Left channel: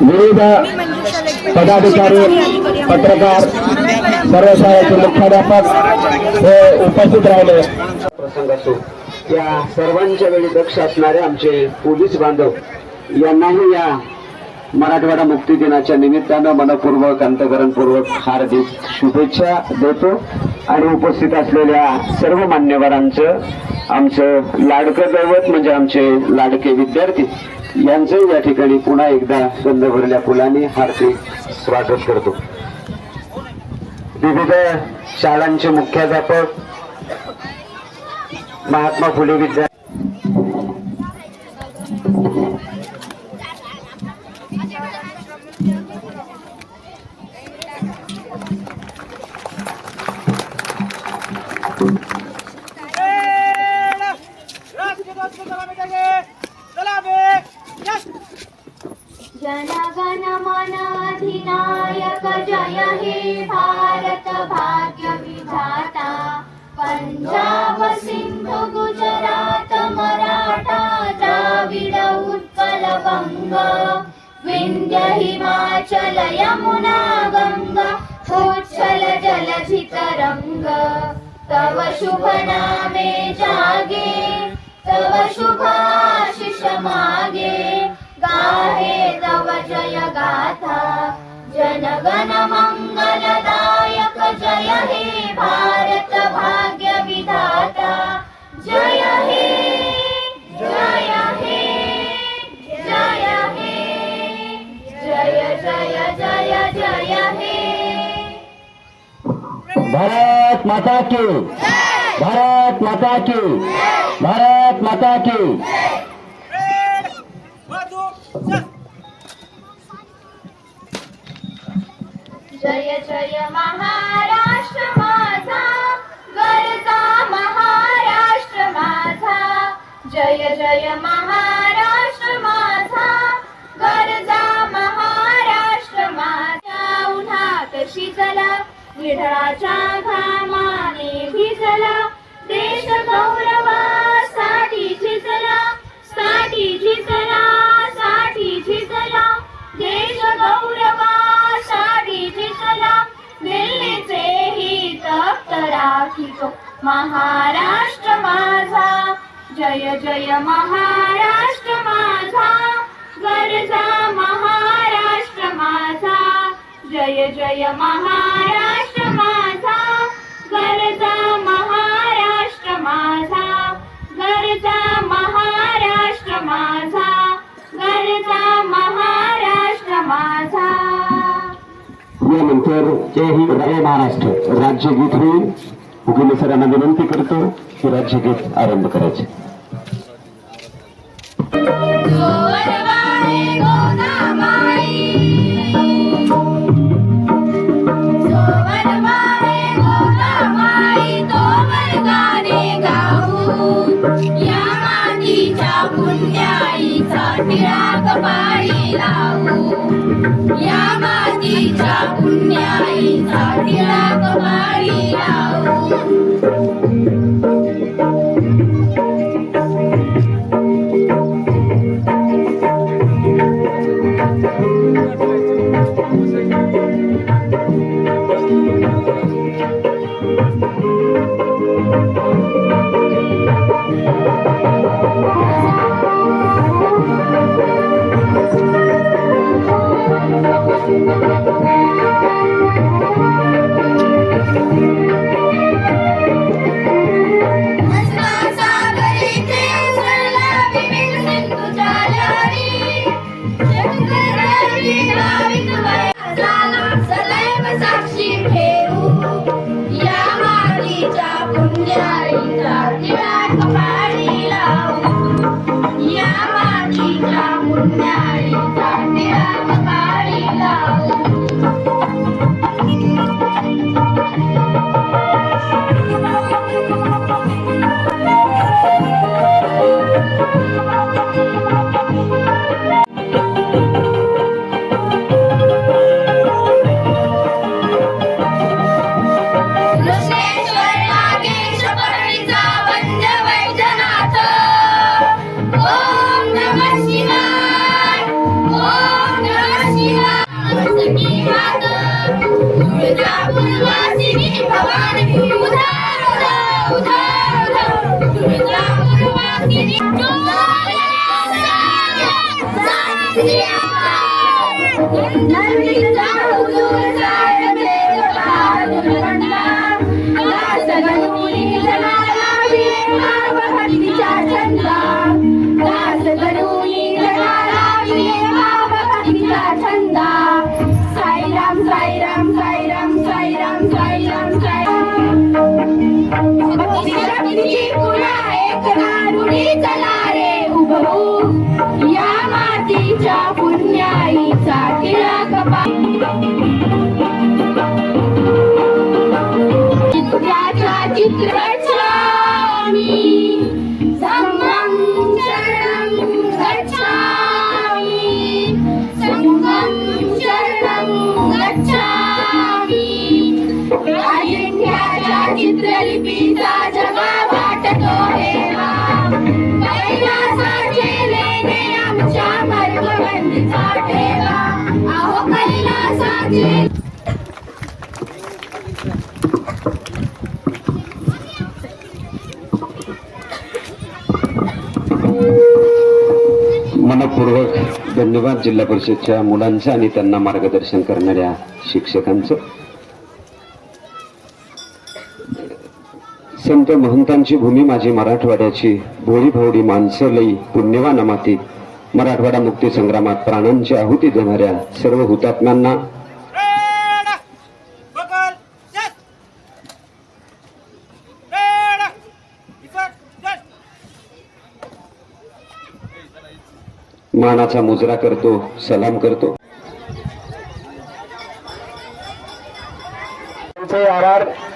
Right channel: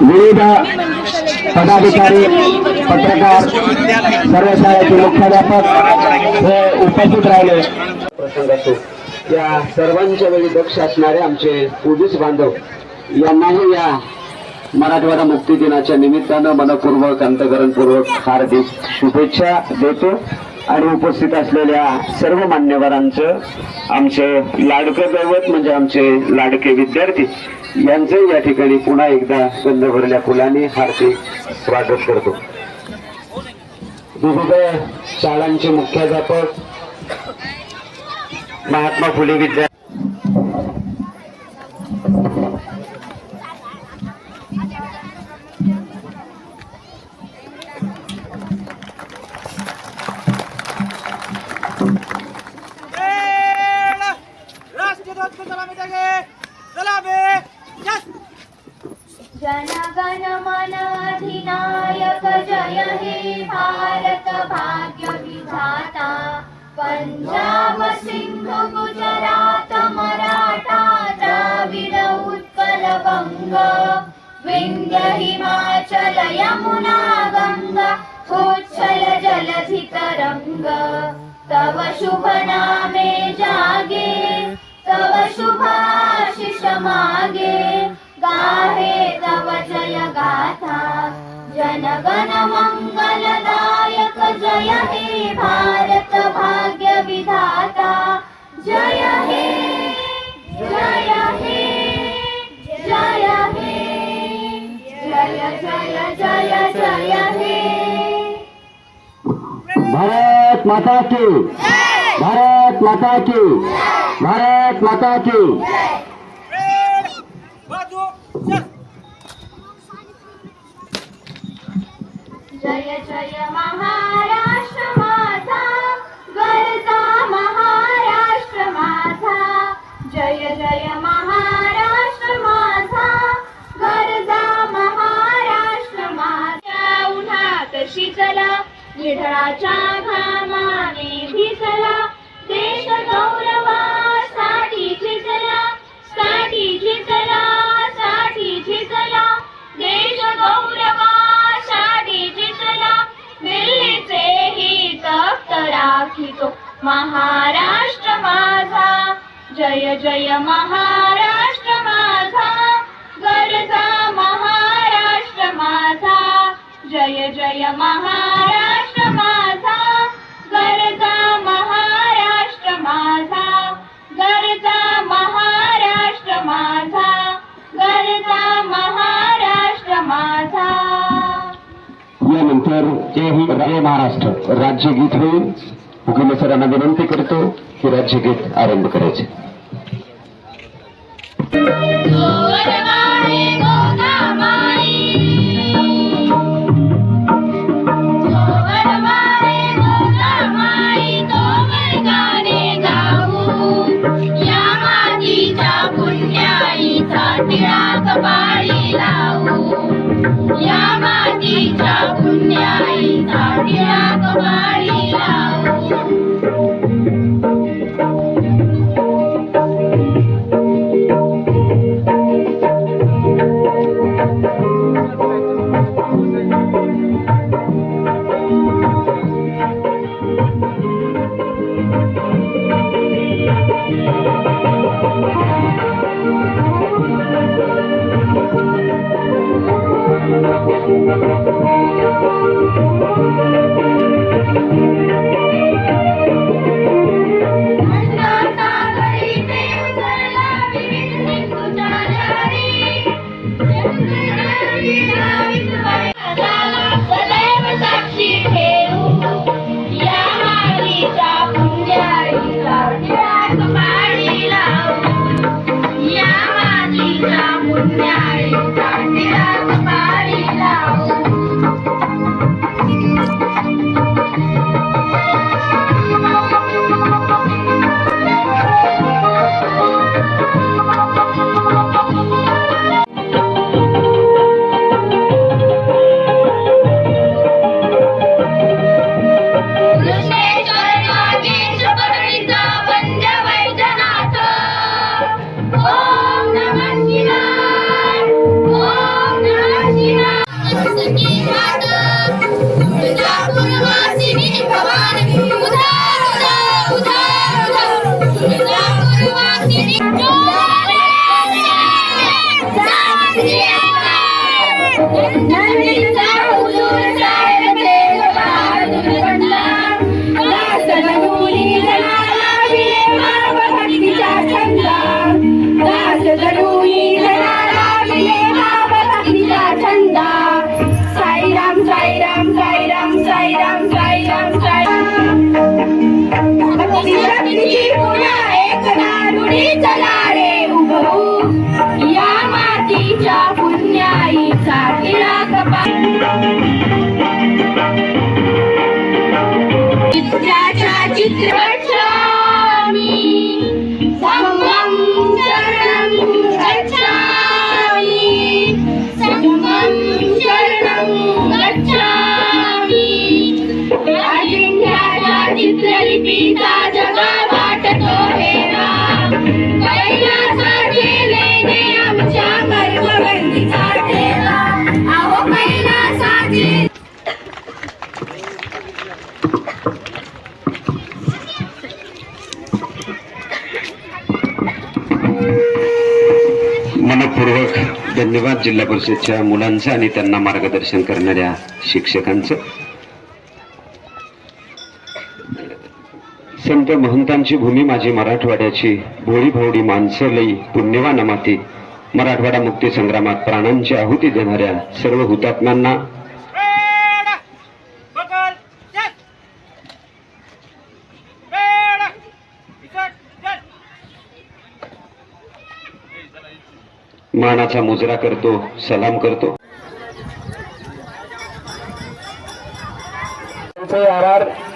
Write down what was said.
विविध पदाधिकारी पत्रकार सर्व शाळेचे मुख्याध्यापक हे उपस्थित राहिले. या सर्वांच्या वेळी दक्ष असणारे आमचे पोलीस बांधव यांनाही या मराठवाडा मुक्ती दिनाच्या निमित्तानं मनपूर्वक अंतकरणपूर्वक हार्दिक शुभेच्छा देतो. आणि उपस्थित असलेल्या सर्व मान्यवरांचं आमचं लाडकं दैवत म्हणजे आमचे लाडके विद्यार्थी यांचं या ठिकाणी पुन्हा एकदा गंध भरल्या फुलाने हार्दिक स्वागत करतो. विविध शाळांचे मुख्याध्यापक महात्मा फुले विद्या जनगण मन अधिनायक जय हे भारत भाग्य विधाता। पंजाब सिंधु गुजरात मराठा द्राविड उत्कल बंग विंध्य हिमाचल यमुना गंगा उच्छल जलधि तरंग तव शुभ नामे जागे तव शुभाशिष मागे। गा जय गाथा जनगण मंगलदायक जय हे भारत भाग्य विधाता। जय हे जय हे जय हे जय जय जय जय हे। भारत माता की। भारत माता की। भारत माता की। जय जय महाराष्ट्र माझा गरजा महाराष्ट्र माझा. जय जय महाराष्ट्र माझा गरजा महाराष्ट्र माझ्या उन्हात शिजला विढळाच्या घामाने राखितो महाराष्ट्र माझा. जय जय महाराष्ट्र माझा. गरजा महाराष्ट्र माझा. जय जय महाराष्ट्र माझा. गरजा महाराष्ट्र माझा. गरजा महाराष्ट्र माझा. गरजा महाराष्ट्र माझा. यानंतर जय हिंद जय महाराष्ट्र. राज्यगीत होईल. हुकुमे सरांना विनंती करतो की राज्यगीत आरंभ करायचे या कृष्णेश्वर سبيل التوارث يدان एकदा रुढी मनपूर्वक धन्यवाद जिल्हा परिषदच्या मुलांचं आणि त्यांना मार्गदर्शन करणाऱ्या शिक्षकांचं. संत महंतांची भूमी माझी मराठवाड्याची भोळी भोवडी माणसं लई पुण्यवान माती. मराठवाडा मुक्ती संग्रामात प्राणांची आहुती देणाऱ्या सर्व हुतात्म्यांना मानाचा मुजरा करतो सलाम करतो. आभार.